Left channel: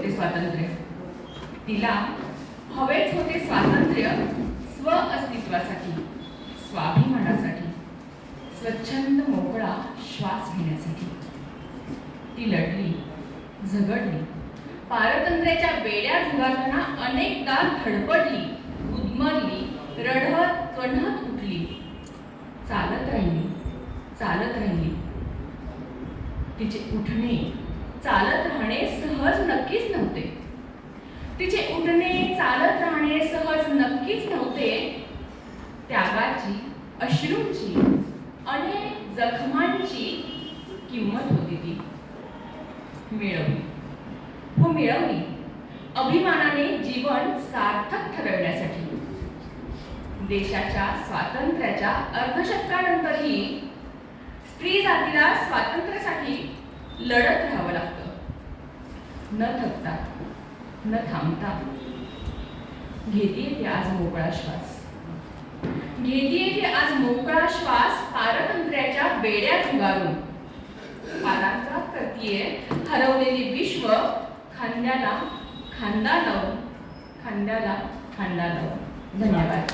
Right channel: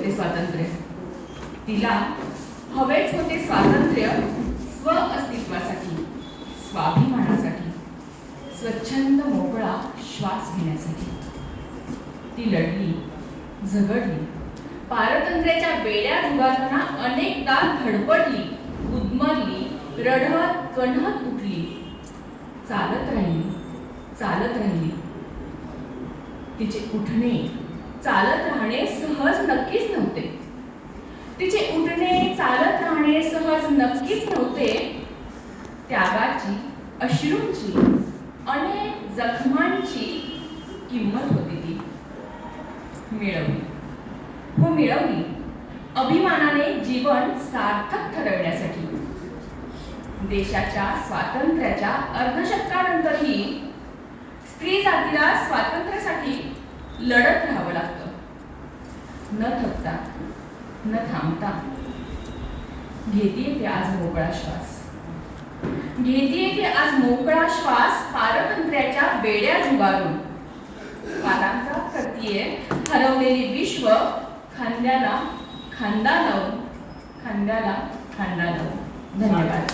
होते स्वातंत्र्य. तिला हवेच होते स्वातंत्र्य स्व अस्तित्वासाठी, स्वाभिमानासाठी, स्वच्छंद मोकळा श्वास घेण्यासाठी. ती लढली, झगडली, पारतंत्र्याच्या बेड्या झुगारताना अनेकदा धडपडली, उद्मरली, रडत कण्हत उठली, चालत राहिली, चालत राहिली. तिचे उठणे, चालत राहणे सहज नक्कीच नव्हते. तिचे उठणे, चालत राहणे सहज नक्कीच नव्हते. त्यागाची, अश्रूंची, अनेक जखमांची किंमत होती ती. मिळवली, हो मिळवली, अभिमानाने जीवन सार्थक ठरवण्यासाठी. देशाच्या स्वातंत्र्याच्या अर्धशतकानंतरही स्त्री जातीला स्वातंत्र्यासाठी लढत राहावं लागतं. न थकता, न थांबता. घेतीये ती आज मोकळा श्वास. घेतीये ती आज मोकळा श्वास पारतंत्र्याच्या बेड्या झुगारून. पादांचा करतीये हरवलेले विश्व खांद्याला खांदा लावून, खांद्याला खांदा लावून. धन्यवाद.